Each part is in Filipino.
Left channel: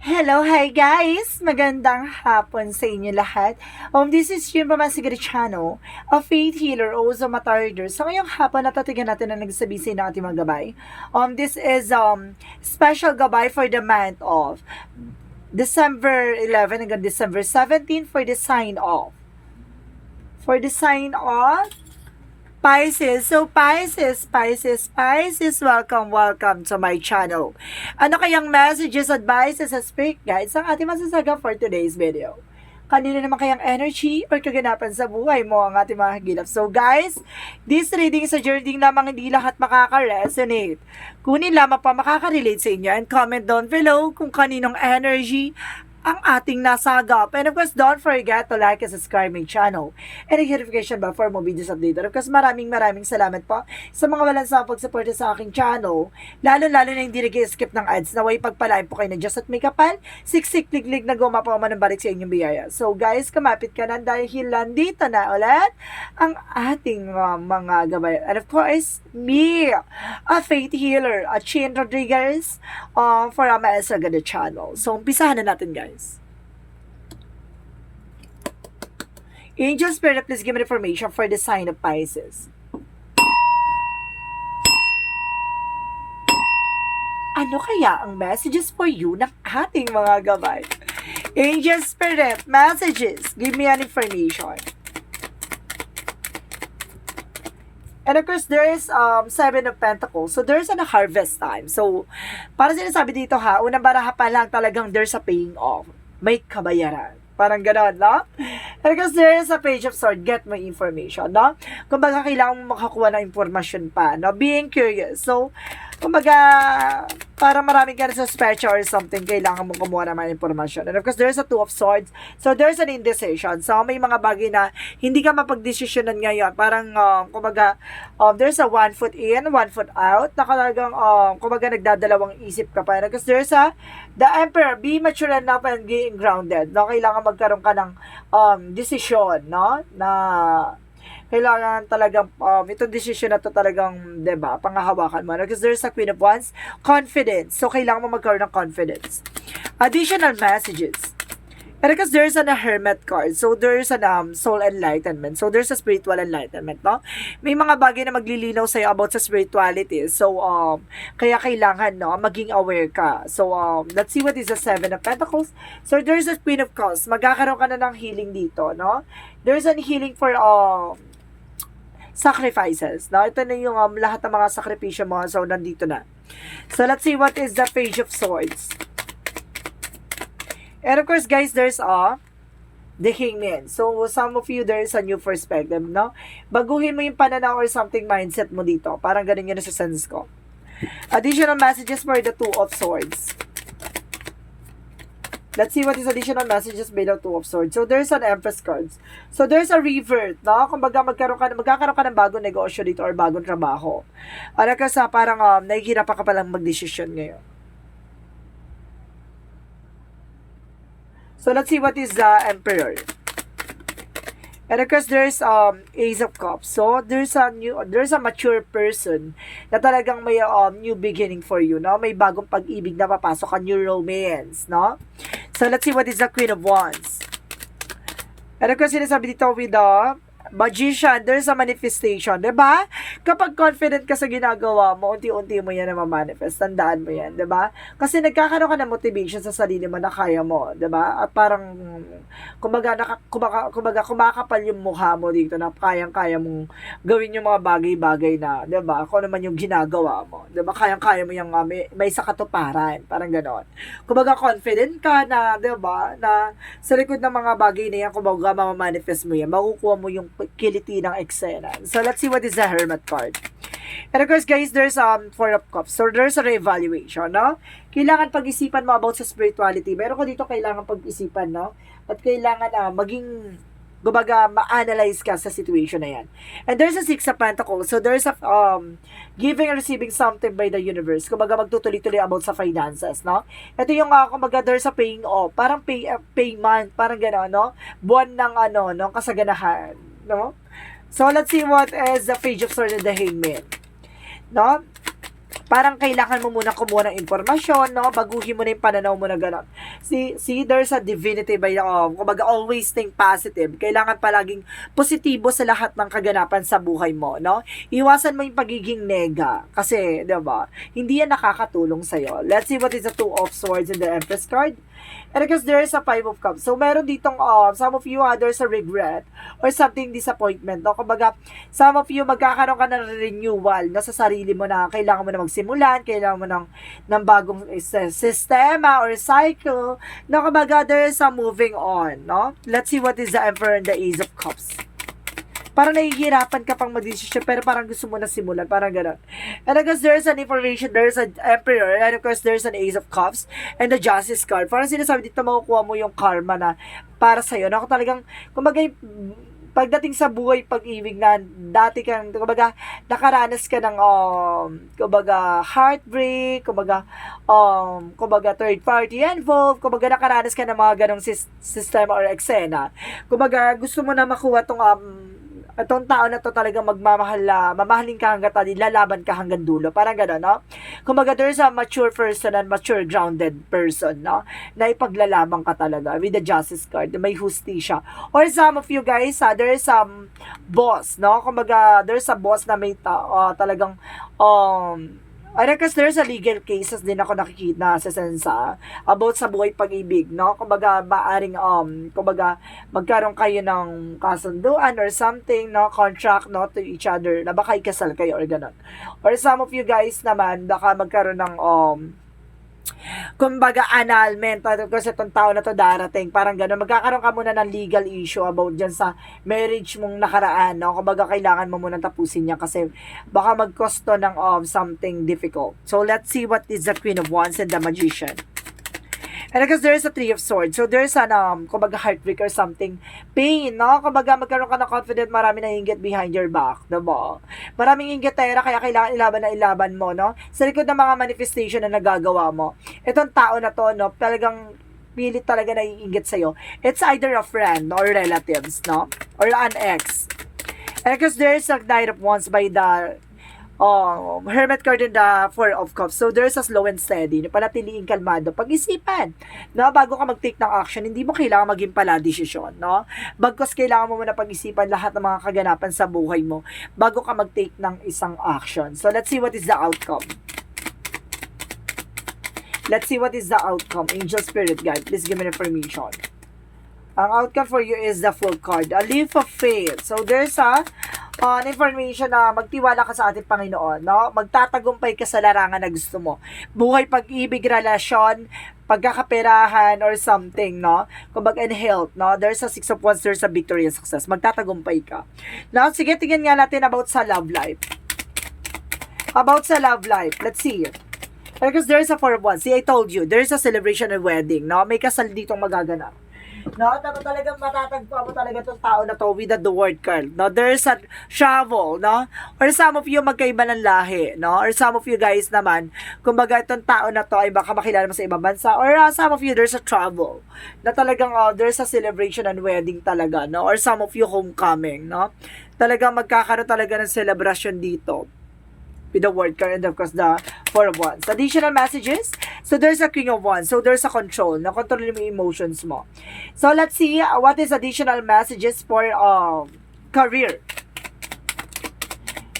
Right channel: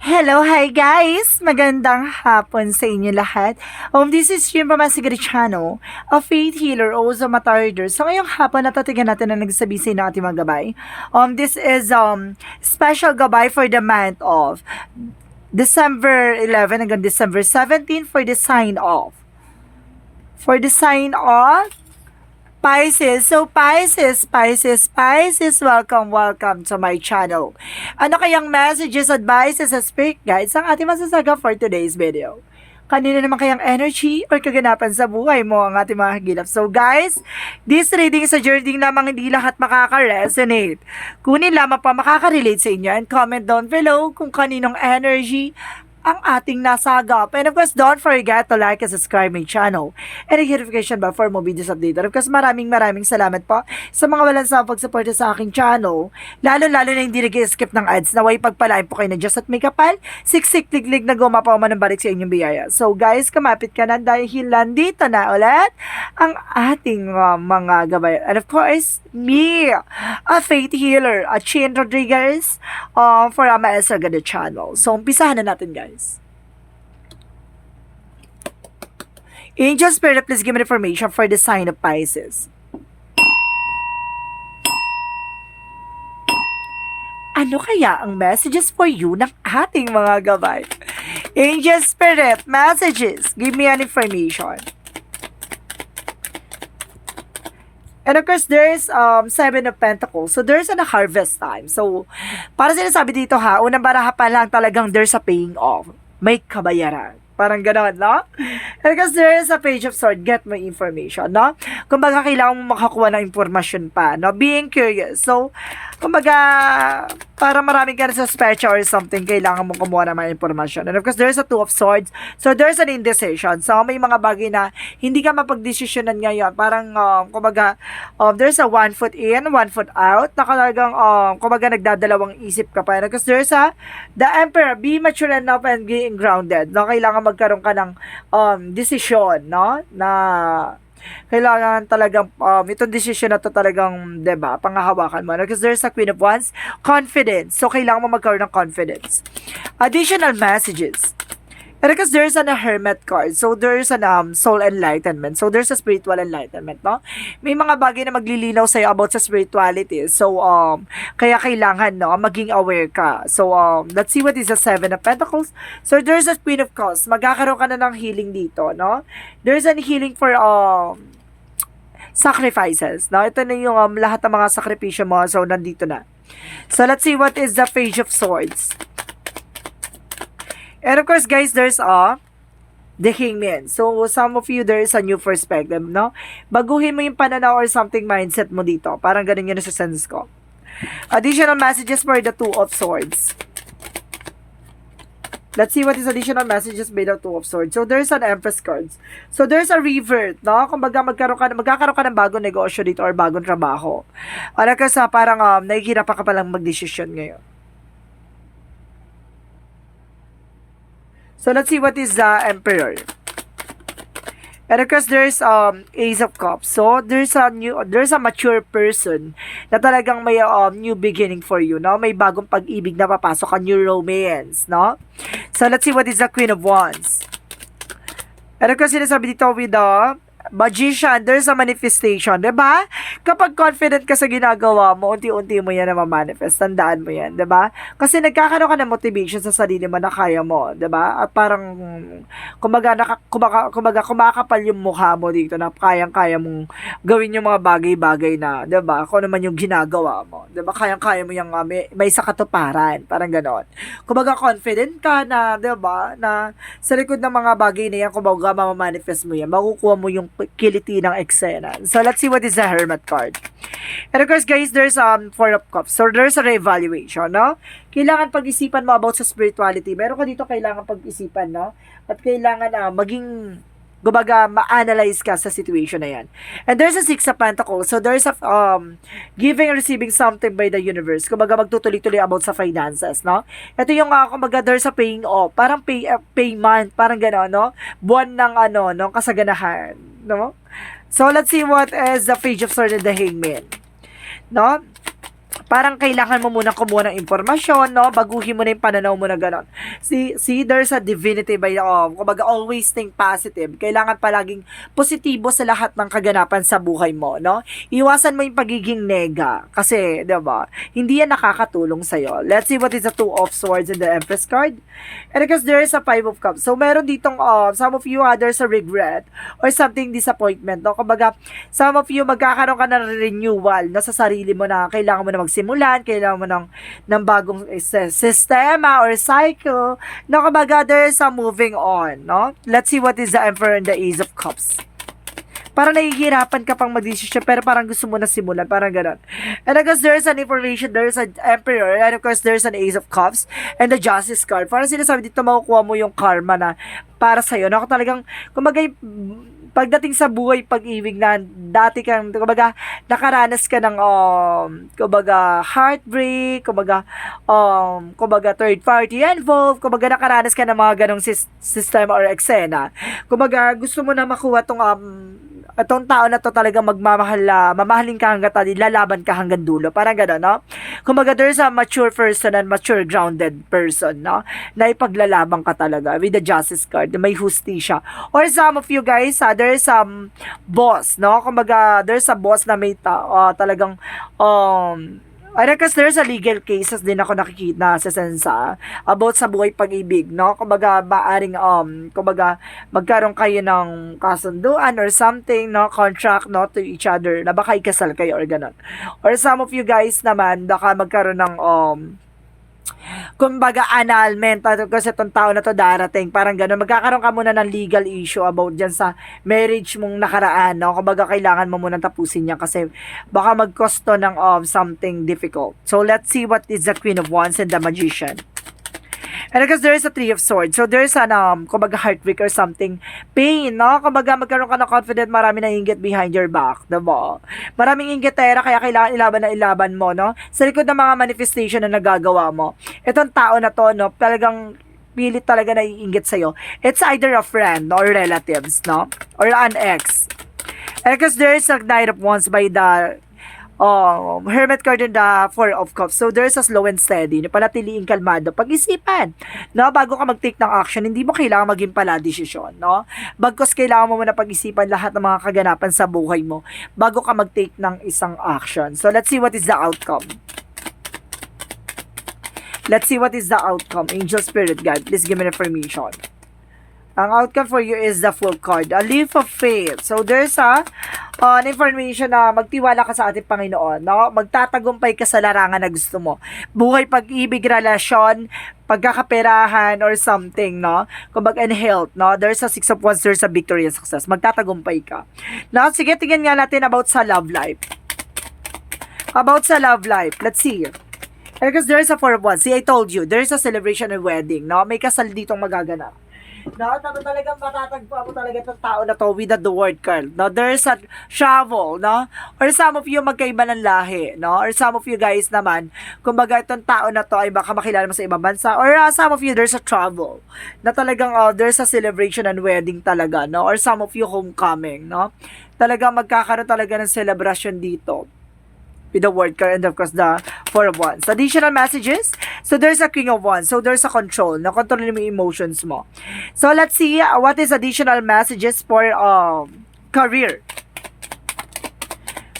Hello, hi guys! Magandang hapon sa inyo lahat. This is Jim from Masigari Channel, a faith healer, also matarder. So ngayong hapon, natatigan natin na nagsabi sa inyo ating mga gabay. This is special gabay for the month of December 11 hanggang December 17 for the sign off. For the sign off, Pisces. So, Pisces, welcome to my channel. Ano kayang messages, advices, and spirit guides ang ating masasaga for today's video? Kanino naman kayang energy or kaganapan sa buhay mo ang ating mga hagilap? So guys, this reading is a journey lamang, hindi lahat makaka-resonate. Kunin lamang pa makaka-relate sa inyo and comment down below kung kaninong energy ang ating nasagap. And of course, don't forget to like and subscribe my channel and the notification bell for more videos updated. Of course, maraming salamat po sa mga walang sa pagsuporta sa aking channel. Lalo na hindi nag-skip ng ads. Naway pagpalain po kayo na Diyos at may kapal. Siksik liglig na gumapaw man ng balik sa inyong biyaya. So guys, kumapit ka na dahil nandito na ulit ang ating mga gabay. And of course, me, a faith healer, a Chin Rodriguez, for Ama Elsa Gada channel. So, umpisahan na natin guys. Angel Spirit, please give me information for the sign of Pisces. Ano kaya ang messages for you ng ating mga gabay? Angel Spirit, messages, give me an information. And of course, there is Seven of Pentacles. So, there's a harvest time. So, para sinasabi dito ha, unang baraha pa lang talagang there's a paying off. May kabayaran. Parang gano'n, no? And because there is a Page of Swords, get my information, no? Kumbaga, kailangan mo makakuha ng impormasyon pa, no? Being curious. So, kumbaga, para maraming ka na suspecha or something, kailangan mo kumuha ng mga impormasyon. And of course, there's a Two of Swords. So, there's an indecision. So, may mga bagay na hindi ka mapagdesisyonan ngayon. Parang, kumbaga, there's a one foot in, one foot out, na talagang, kumbaga, nagdadalawang isip ka pa. And of course, there's a, the Emperor, be mature enough and being grounded. No? Kailangan magkaroon ka ng desisyon, no? Na kailangan talagang itong decision na to talagang, 'di ba, pangahawakan mo. Because there's a Queen of Wands, confidence. So kailangan mo magkaroon ng confidence. Additional messages. And because there's a Hermit card. So there's an soul enlightenment. So there's a spiritual enlightenment, no? May mga bagay na maglilinaw sa'yo about sa spirituality. So kaya kailangan, no, maging aware ka. So let's see what is the Seven of Pentacles. So there's a Queen of Cups. Magkakaroon ka na ng healing dito, no? There's a healing for sacrifices, no? Ito na yung lahat ng mga sakripisyo mo. So nandito na. So let's see what is the Page of Swords. And of course, guys, there's the Hangman. So, some of you, there is a new perspective, no? Baguhin mo yung pananaw or something mindset mo dito. Parang ganun yun sa sense ko. Additional messages for the Two of Swords. Let's see what is additional messages by the Two of Swords. So, there's an Empress cards. So, there's a revert, no? Kumbaga, magkakaroon ka ng bagong negosyo dito or bagong trabaho. Ano kasi parang nahihirapan ka palang mag-decision ngayon. So, let's see what is the Emperor. And of course, there's Ace of Cups. So, there's a mature person na talagang may new beginning for you, no? May bagong pag-ibig na papasok, a new romance, no? So, let's see what is the Queen of Wands. And of course, sinasabi dito with the Magician, there's a manifestation, diba? Kapag confident ka sa ginagawa mo, unti-unti mo yan na ma-manifest. Tandaan mo yan, diba? Kasi nagkakaroon ka ng motivation sa sarili mo na kaya mo, diba? At parang, kumbaga, kumakapal yung mukha mo dito na kayang-kaya mong gawin yung mga bagay-bagay na, diba? Kung naman yung ginagawa mo, diba? Kayang-kaya mo yung may sa katuparan, parang ganon. Kumbaga, confident ka na, diba? Na sa likod ng mga bagay na yan, kumbaga, ma-manifest mo yan, makukuha mo yung kiliti ng eksena. So, let's see what is the Hermit card. And of course, guys, there's Four of Cups. So, there's a reevaluation, no? Kailangan pag-isipan mo about sa spirituality. Meron ko dito kailangan pag-isipan, no? At kailangan maging, kumbaga, ma-analyze ka sa situation na yan. And there's a Six of Pentacles. So, there's a giving and receiving something by the universe. Kumbaga, magtutuloy-tuloy about sa finances, no? Ito yung, kumbaga, there's a paying off. Parang payment, parang gano'n, no? Buwan ng, no? Kasaganahan, no? So, let's see what is the Page of Swords and the Hangman, no? parang kailangan mo muna kumuha ng impormasyon, no? Baguhin mo na yung pananaw mo na gano'n. See, there's a divinity by, kumbaga, always think positive. Kailangan palaging positibo sa lahat ng kaganapan sa buhay mo, no? Iwasan mo yung pagiging nega. Kasi, di ba, hindi yan nakakatulong sa'yo. Let's see what is the Two of Swords in the Empress card. And because there is a Five of Cups. So, meron ditong, some of you, there's a regret or something disappointment, no? Kumbaga, some of you, magkakaroon ka ng renewal, no, sa sarili mo na kailangan mo na magsimulan, kailangan mo ng bagong sistema or cycle, no? Kumbaga, there is a moving on, no? Let's see what is the Emperor and the Ace of Cups. Parang nahihirapan ka pang mag-decision, pero parang gusto mo na simulan, parang gano'n. And of course, there's an information, there's an Emperor, and of course, there's an Ace of Cups, and the Justice card. Parang sinasabi dito, makukuha mo yung karma na para sa'yo. No? Talagang, kumbaga, pagdating sa buhay pag-ibig na dati kang, kumbaga, nakaranas ka ng, kumbaga, heartbreak, kumbaga, third party involved, kumbaga, nakaranas ka ng mga ganong sistema or eksena. Kumbaga, gusto mo na makuha itong tao na to talaga mamahalin ka hanggang lalaban ka hanggang dulo. Parang gano'n, no? Kumbaga, there's a mature person and mature grounded person, no? Na ipaglalaban ka talaga with the Justice card, may hustisya. Or some of you guys, there's some boss, no? Kumbaga, there's a boss na may talagang, kasi there's a legal cases din ako nakikita sa sensa about sa buhay pag-ibig, no? Kumbaga, maaring, kumbaga, magkaroon kayo ng kasunduan or something, no? Contract, no? To each other, na baka ikasal kayo or ganun. Or some of you guys naman, baka magkaroon ng, kumbaga, annulment kasi itong tao na to darating, parang gano'n, magkakaroon ka muna ng legal issue about dyan sa marriage mong nakaraan, no? Kumbaga, kailangan mo muna tapusin niya kasi baka magkosto ng something difficult. So, let's see what is the Queen of Wands and the Magician. And because there is a Three of Swords, so there's an, kumbaga, heartbreak or something, pain, no? Kumbaga, magkaroon ka ng confident, marami na inggit behind your back, diba? Maraming inggitera, kaya kailangan ilaban mo, no? Sa likod ng mga manifestation na nagagawa mo. Itong tao na to, no? Talagang pilit talaga na iinggit sa'yo. It's either a friend or relatives, no? Or an ex. And because there is a Knight of Wands by the Hermit card in the Four of Cups. So, there's a slow and steady. Panatiliing kalmado. Pag-isipan. No? Bago ka mag-take ng action, hindi mo kailangan maging pala desisyon. No? Bagkos kailangan mo muna pag-isipan lahat ng mga kaganapan sa buhay mo bago ka mag-take ng isang action. So, let's see what is the outcome. Let's see what is the outcome. Angel, Spirit, Guide, please give me information. Ang outcome for you is the Fool card. A leap of faith. So, there's a information na magtiwala ka sa ating Panginoon, no? Magtatagumpay ka sa larangan na gusto mo. Buhay, pag-ibig, relasyon, pagkakaperahan, or something, no? Kumbaga, in health, no? There's a Six of Wands, there's a victory and success. Magtatagumpay ka. No? Sige, tingnan nga natin about sa love life. About sa love life. Let's see. Because there's a Four of Wands. See, I told you, there's a celebration and wedding, no? May kasal ditong magaganap. No, talagang matatagpuan mo talaga itong tao na to with the word card. No, there's a travel, no? Or some of you magkaiba ng lahi, no? Or some of you guys naman, kumbaga itong tao na to ay baka makilala mo sa ibang bansa. Or some of you, there's a travel. Na talagang there's a celebration and wedding talaga, no? Or some of you homecoming, no? Talagang magkakaroon talaga ng celebration dito. With the word card and of course the Four of Wands. Additional messages. So there's a King of Wands. So there's a control. Na-control mo yung emotions mo. So let's see what is additional messages for career.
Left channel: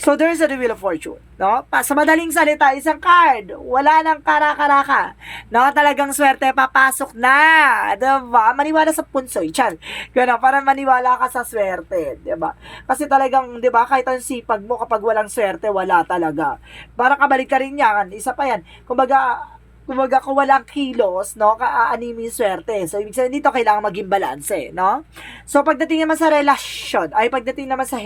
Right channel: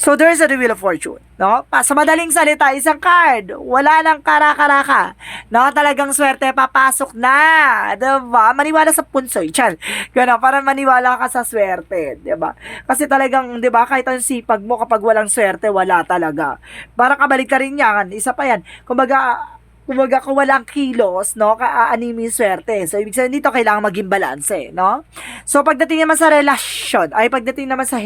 So there's a the Wheel of Fortune. No? Sa madaling salita, isang card. Wala nang kara-karaka. No? Talagang swerte, papasok na. Diba? Maniwala sa punsoy. Chan. Gano'n, para maniwala ka sa swerte. Diba? Kasi talagang, diba, kahit ang sipag mo, kapag walang swerte, wala talaga. Para kabalik ka rin yan. Isa pa yan. Kumbaga, kung walang kilos, no, kaanimi yung swerte. So, ibig sabihin dito, kailangan maging balanse, no? So, pagdating naman sa relasyon, pagdating naman sa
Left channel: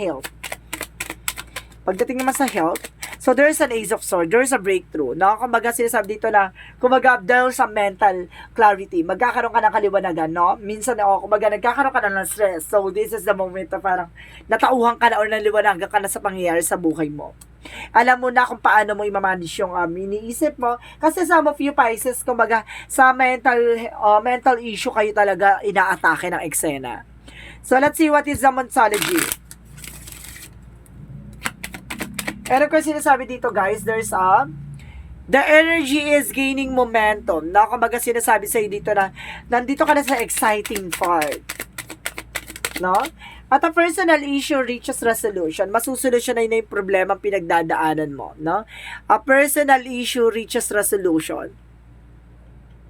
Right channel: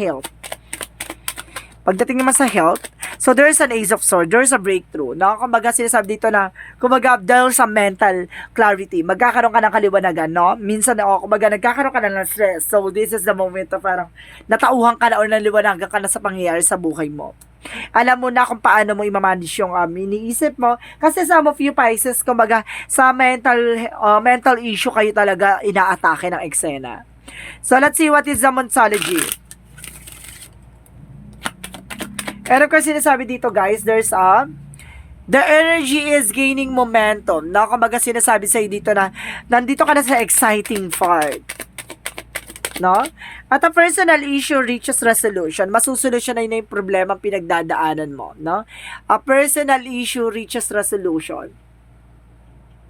health, so there's an Ace of Swords, there's a breakthrough. No? Kumbaga sinasabi dito na, kumbaga there's a mental clarity. Magkakaroon ka ng kaliwanagan, no? Minsan, kumbaga nagkakaroon ka na ng stress. So this is the moment na parang natauhan ka na o naliwanagan ka na sa pangyayari sa buhay mo. Alam mo na kung paano mo i-manage yung iniisip mo. Kasi some of you Pisces, kumbaga sa mental issue kayo talaga inaatake ng eksena. So let's see what is the Monsology. And of course, sinasabi dito guys, there's a The energy is gaining momentum. No? Kumbaga sinasabi sa'yo dito na nandito ka na sa exciting part. No? At a personal issue reaches resolution. Masusolusyonan na yung problema pinagdadaanan mo. No? A personal issue reaches resolution.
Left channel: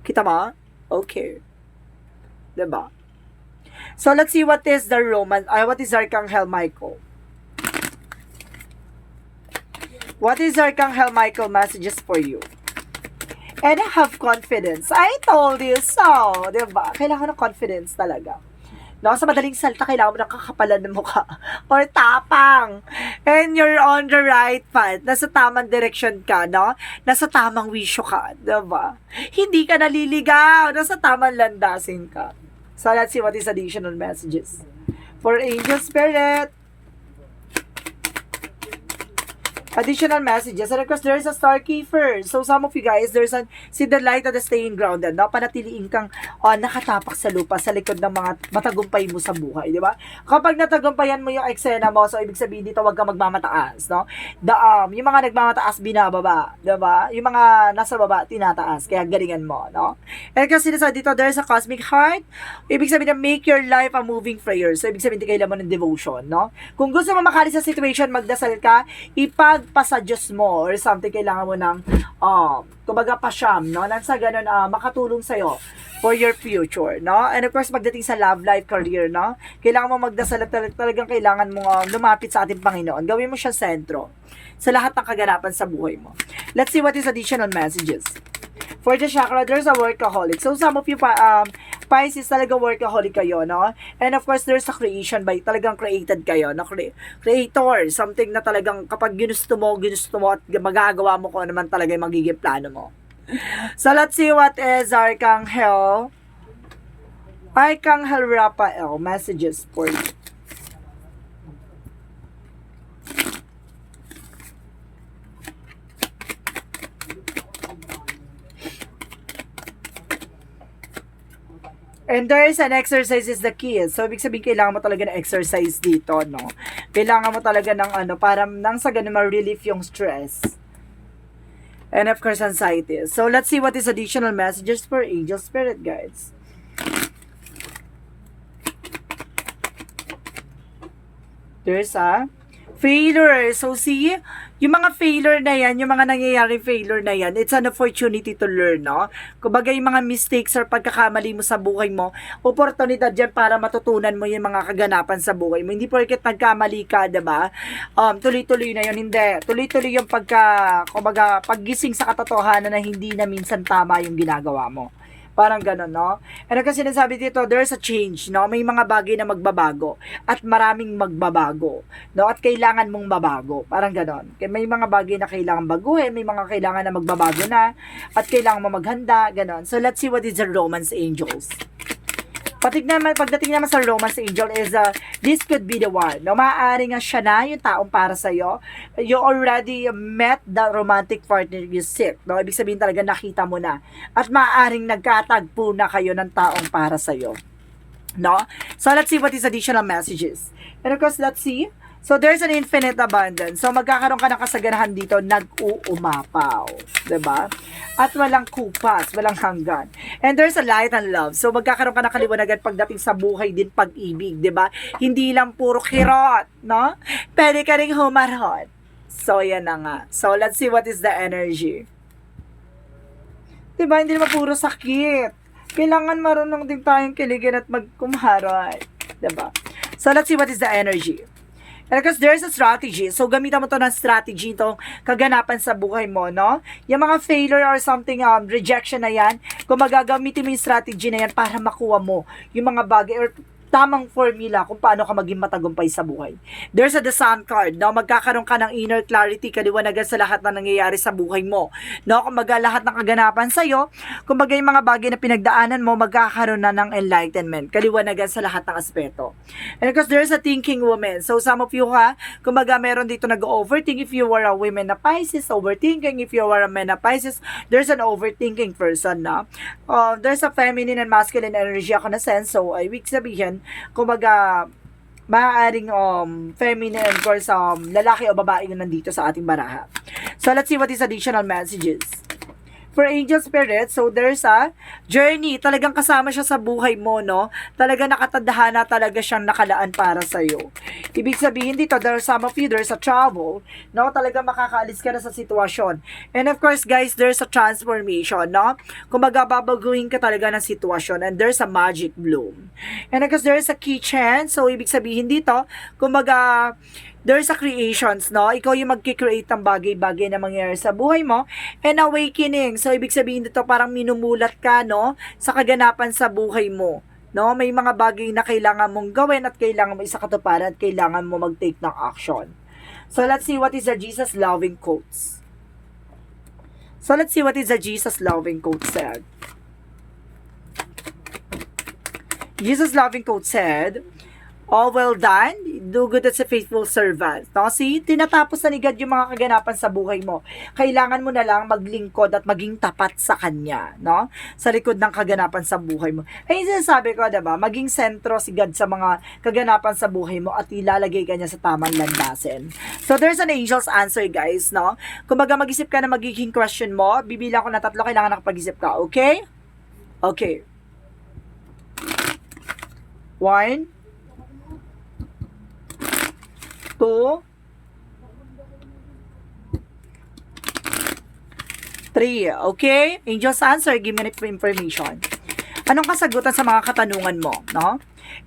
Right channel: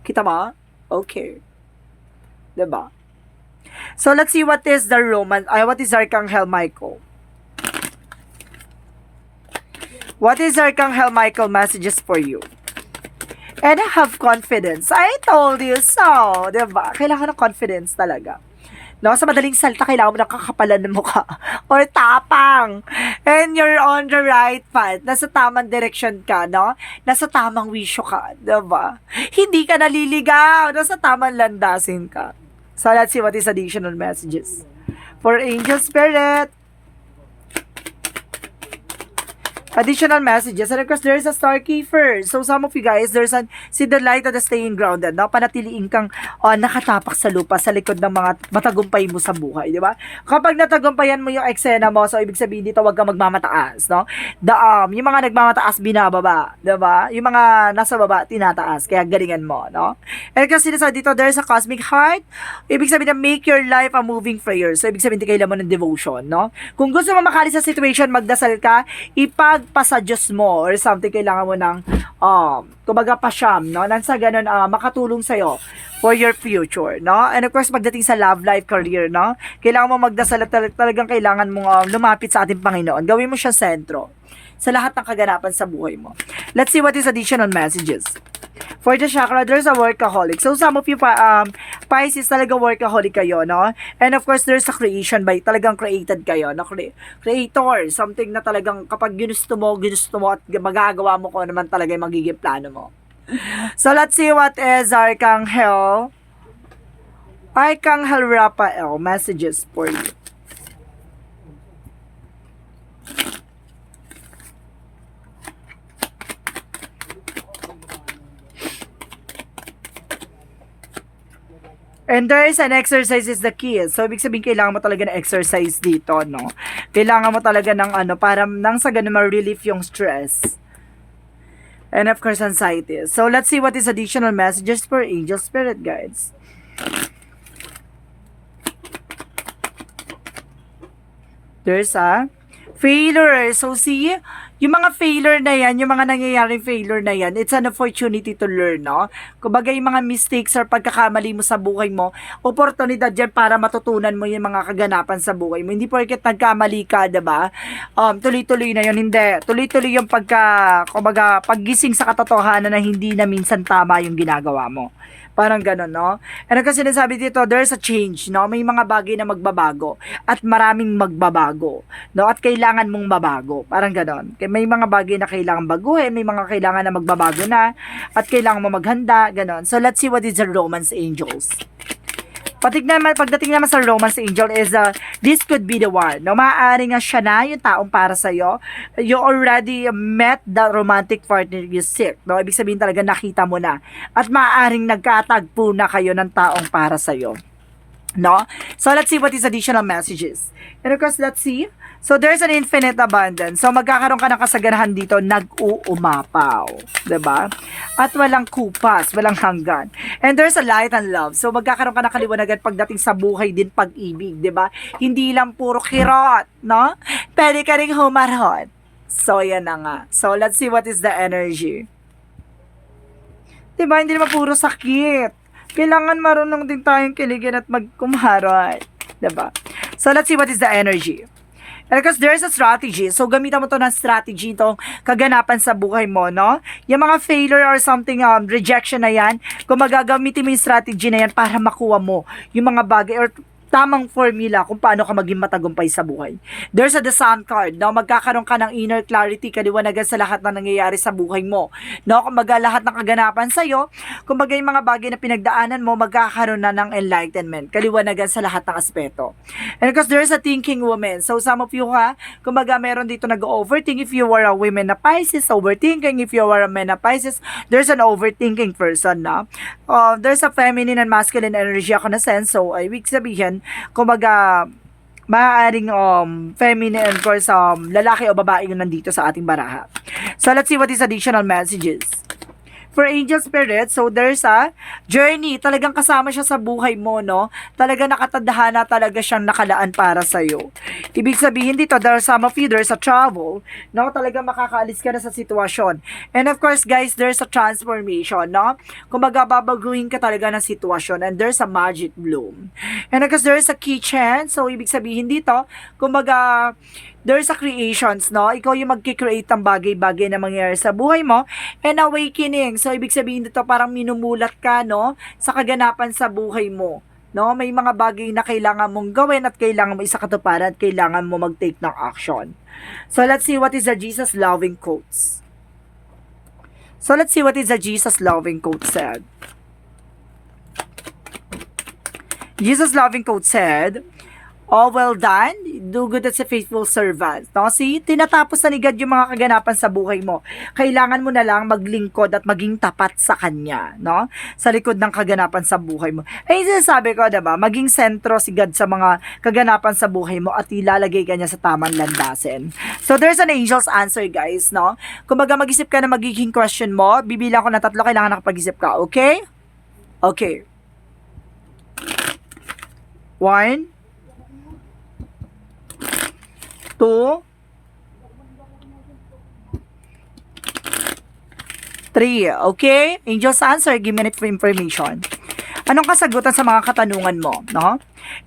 Kita mo? Okay. Diba? So, let's see what is the what is Archangel Michael? What is Archangel Michael messages for you? And have confidence. I told you so. Diba? Kailangan ng confidence talaga. No, sa madaling salita, kailangan mo ng kakapalan ng mukha. Or tapang. And you're on the right path. Nasa tamang direction ka, no? Nasa tamang wisyo ka. Diba? Hindi ka naliligaw. Nasa tamang landasin ka. So, let's see what is additional messages. For Angel Spirit. Additional messages. And of course, there's a star keeper. So, some of you guys, see the light at the staying grounded. No? Panatiliin kang nakatapak sa lupa sa likod ng mga matagumpay mo sa buhay. Di ba? Kapag natagumpayan mo yung eksena mo, so ibig sabihin dito, huwag kang magmamataas. No? Yung mga nagmamataas, binababa. Di ba? Yung mga nasa baba, tinataas. Kaya galingan mo. No? And kasi dito, there's a cosmic heart. Ibig sabihin na make your life a moving prayer. So, ibig sabihin, kailangan mo ng devotion. No? Kung gusto mo makali sa situation, magdasal ka, pa sa Diyos mo or something, kailangan mo ng kumbaga pasyam, no? Nang sa ganun, makatulong sa'yo for your future, no? And of course, pagdating sa love life, career, no? Kailangan mo magdasal at talagang kailangan mo lumapit sa ating Panginoon. Gawin mo siya sentro sa lahat ng kaganapan sa buhay mo. Let's see what is additional messages. For the chakra, there's a workaholic. So, some of you, Pisces, talaga workaholic kayo, no? And of course, there's a creation by talagang created kayo, no? Creator, something na talagang kapag ginusto mo at magagawa mo kung naman talaga yung magiging plano mo. So, let's see what is Archangel Raphael messages for you. And there is an exercise is the key. So, ibig sabihin, kailangan mo talaga ng exercise dito, no? Kailangan mo talaga ng para nang sa ganun ma-relief yung stress. And of course, anxiety. So, let's see what is additional messages for Angel Spirit Guides. There's a failure. So, see, yung mga failure na yan, yung mga nangyayaring failure na yan, it's an opportunity to learn, no? Kumbaga yung mga mistakes or pagkakamali mo sa buhay mo, oportunidad yan para matutunan mo yung mga kaganapan sa buhay mo. Hindi porket nagkamali ka, diba? Tuloy-tuloy na yun. Hindi. Tuloy-tuloy yung kumbaga, paggising sa katotohanan na hindi na minsan tama yung ginagawa mo. Parang gano'n, no? And kasi sinasabi dito, there's a change, no? May mga bagay na magbabago at maraming magbabago, no? At kailangan mong mabago. Parang gano'n. May mga bagay na kailangan baguhin, may mga kailangan na magbabago na, at kailangan mo maghanda, gano'n. So, let's see what is the Romance Angels. Pagdating naman sa Romance Angel is, this could be the one. No? Maaaring nga siya na yung taong para sa'yo. You already met the romantic partner you seek. No? Ibig sabihin talaga nakita mo na. At maaaring nagkatagpo na kayo ng taong para sa'yo. No? So, let's see what is additional messages. And of course, let's see. So, there's an infinite abundance. So, magkakaroon ka ng kasaganahan dito, nag-uumapaw. Diba? At walang kupas, walang hanggan. And there's a light and love. So, magkakaroon ka ng kaliwanagan pagdating sa buhay din pag-ibig. Diba? Hindi lang puro kirot, no? Pwede ka rin humarot. So, yan na nga. So, let's see what is the energy. Diba? Hindi naman puro sakit. Kailangan marunong din tayong kiligin at magkumarot. Diba? So, let's see what is the energy. And because there's a strategy. So, gamitan mo to ng strategy itong kaganapan sa buhay mo, no? Yung mga failure or something, rejection na yan, kung magagamitin mo yung strategy na yan para makuha mo yung mga bagay or tamang formula kung paano ka maging matagumpay sa buhay. There's a the Sun card, no? Magkakaroon ka ng inner clarity, kaliwanagan sa lahat na nangyayari sa buhay mo. No? Kumbaga lahat ng kaganapan sa'yo, kumbaga yung mga bagay na pinagdaanan mo, magkakaroon na ng enlightenment, kaliwanagan sa lahat ng aspeto. And because there's a thinking woman. So some of you kumbaga meron dito nag-overthink. If you are a woman na Pisces, overthinking. If you are a man na Pisces, there's an overthinking person, no? There's a feminine and masculine energy ako na sense. So, ibig sabihin, kumbaga, maaaring feminine and of course lalaki o babae yung nandito sa ating baraha. So let's see what is additional messages. For angel spirit, so there's a journey. Talagang kasama siya sa buhay mo, no? Talaga nakatadhana talaga siyang nakalaan para sa'yo. Ibig sabihin dito, there's some of you, there's a travel, no? Talagang makakaalis ka na sa sitwasyon. And of course, guys, there's a transformation, no? Kumbaga, babaguhin ka talaga ng sitwasyon. And there's a magic bloom. And of course, there's a kitchen. So, ibig sabihin dito, kumbaga, there's a creations, no? Ikaw yung magkikreate ng bagay-bagay na mangyayari sa buhay mo. And awakening. So, ibig sabihin dito, parang minumulat ka, no? Sa kaganapan sa buhay mo. No? May mga bagay na kailangan mong gawin at kailangan mo isakatuparan at kailangan mo mag-take ng action. So, let's see what is the Jesus loving quotes. So, let's see what is the Jesus loving quote said. Jesus loving quote said, "Oh, well done. Do good as a faithful servant." No? See, tinatapos na ni God yung mga kaganapan sa buhay mo. Kailangan mo na lang maglingkod at maging tapat sa Kanya, no? Sa likod ng kaganapan sa buhay mo. Ay, sinasabi ko, diba? Maging sentro si God sa mga kaganapan sa buhay mo at ilalagay ka niya sa tamang landasin. So, there's an angel's answer, guys, no? Kung mag-isip ka na magiging question mo, bibilang ko na 3, kailangan nakapag-isip ka, okay? Okay. 1, 2, 3. Okay? Angel's answer, give me information. Anong kasagutan sa mga katanungan mo, no?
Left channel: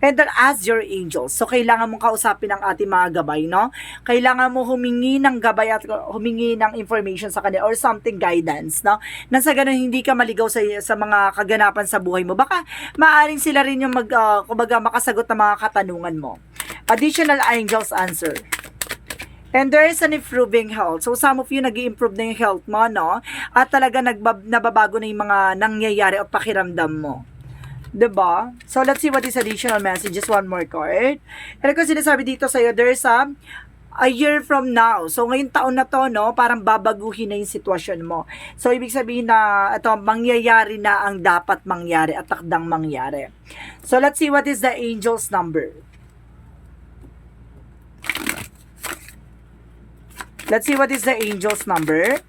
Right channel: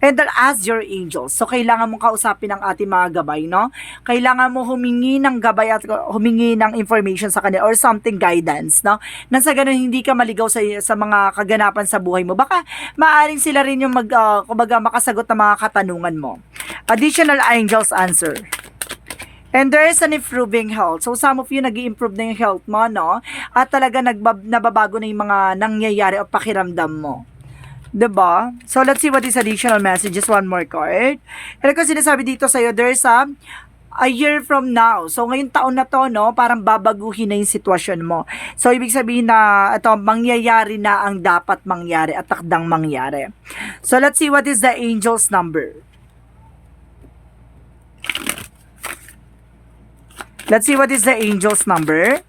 And then ask your angels. So, kailangan mong kausapin ang ating mga gabay, no? Kailangan mo humingi ng gabay at humingi ng information sa kanila or something guidance, no? Nang sa ganun, hindi ka maligaw sa mga kaganapan sa buhay mo. Baka maaaring sila rin yung kumbaga makasagot ng mga katanungan mo. Additional angels answer. And there is an improving health. So, some of you nag-i-improve na yung health mo, no? At talaga nababago na yung mga nangyayari o pakiramdam mo. Diba? So, let's see what is additional messages. One more card. And kasi sinasabi dito sa'yo, there is a year from now. So, ngayong taon na to, no? Parang babaguhin na yung sitwasyon mo. So, ibig sabihin na ito, mangyayari na ang dapat mangyari at takdang mangyari. So, let's see what is the angel's number. Let's see what is the angel's number.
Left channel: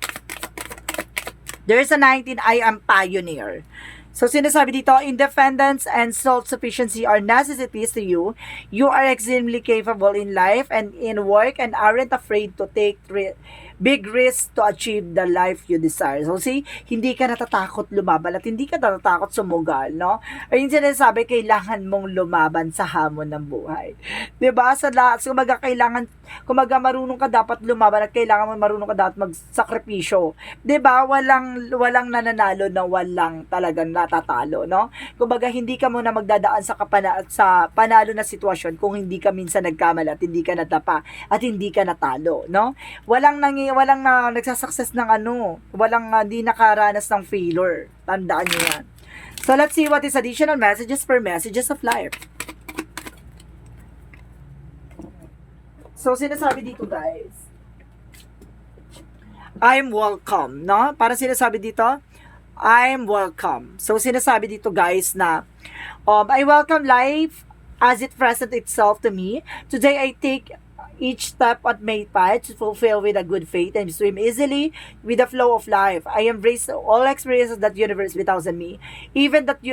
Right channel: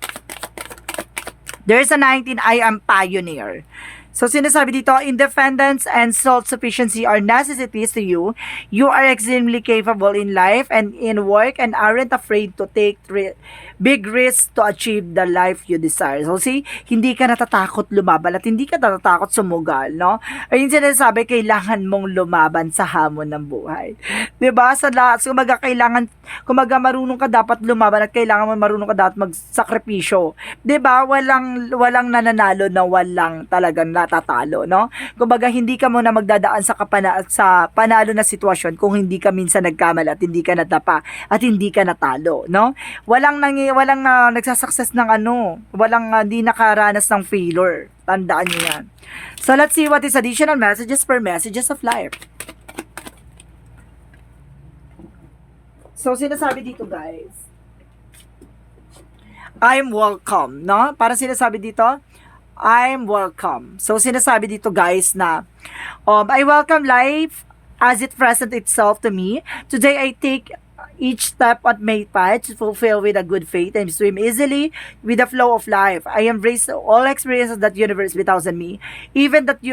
There's a 19, I am pioneer. So, sinasabi dito, independence and self-sufficiency are necessities to you. You are extremely capable in life and in work and aren't afraid to take big risks to achieve the life you desire. So, see, hindi ka natatakot lumaban at hindi ka natatakot sumugal, no? Ayun sinasabi, kailangan mong lumaban sa hamon ng buhay. Diba? Kumaga marunong ka dapat lumaban at kailangan mo marunong ka dapat magsakripisyo. Diba? Walang nananalo na walang talagang natatalo, no? Kumbaga, hindi ka muna magdadaan sa panalo na sitwasyon kung hindi ka minsan nagkamali at hindi ka natapa at hindi ka natalo, no? Walang nagsasucess ng walang hindi nakaranas ng failure. Tandaan niyo yan. So, let's see what is additional messages for messages of life. So, sinasabi dito, guys, I'm welcome, no? Para sinasabi dito, I'm welcome. So, sinasabi dito, guys, na I welcome life as it presents itself to me. Today, I take each step on my path to fulfill with a good faith and swim easily with the flow of life. I embrace all experiences that universe bestows on me, even that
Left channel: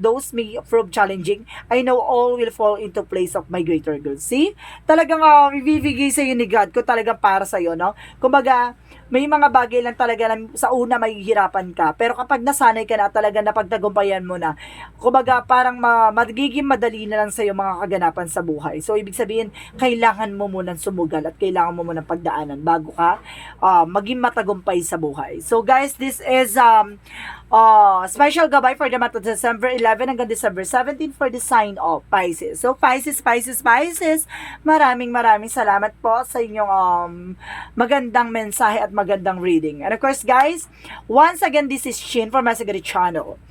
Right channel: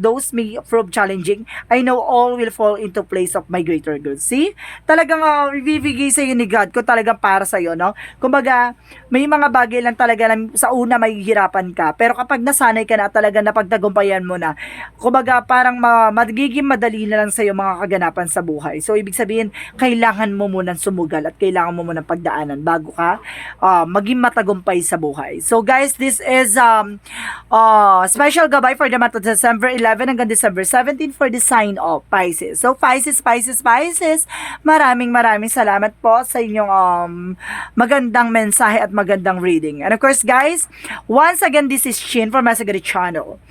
those may prove challenging. I know all will fall into place of my greater good. See? Talagang ibibigay sa iyo ni God kung talagang para sa iyo, no? Kumbaga, may mga bagay lang talaga na sa una mahihirapan ka, pero kapag nasanay ka na at talagang napagtagumpayan mo na, kumbaga parang magiging madali na lang sa iyo mga kaganapan sa buhay. So, ibig sabihin, kailangan mo munang sumugal at kailangan mo munang pagdaanan bago ka maging matagumpay sa buhay. So, guys, this is special gabay for the month of December 11 hanggang December 17 for the sign of Pisces. So, Pisces, maraming salamat po sa inyong magandang mensahe at magandang reading. And of course, guys, once again, this is Shin from Masagari Channel,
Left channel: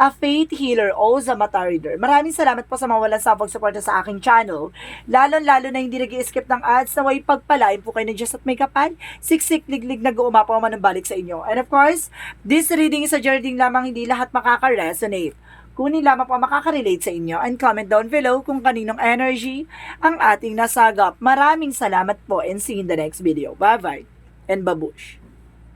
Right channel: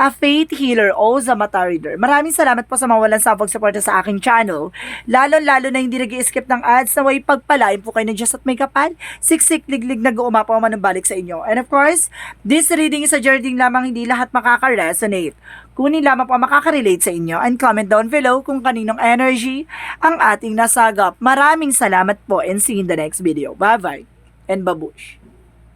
a faith healer o Zamata reader. Maraming salamat po sa mga walang sabog suporta sa aking channel. Lalo na hindi nag-skip mag-skip ng ads na way pagpalain po kayo ng Diyos at may kapal, siksik, liglig, nag-uumapaw man ng balik sa inyo. And of course, this reading is a journey lamang, hindi lahat makaka-resonate. Kunin lamang po ang makaka-relate sa inyo and comment down below kung kaninong energy ang ating nasagap. Maraming salamat po and see you in the next video. Bye-bye and babush!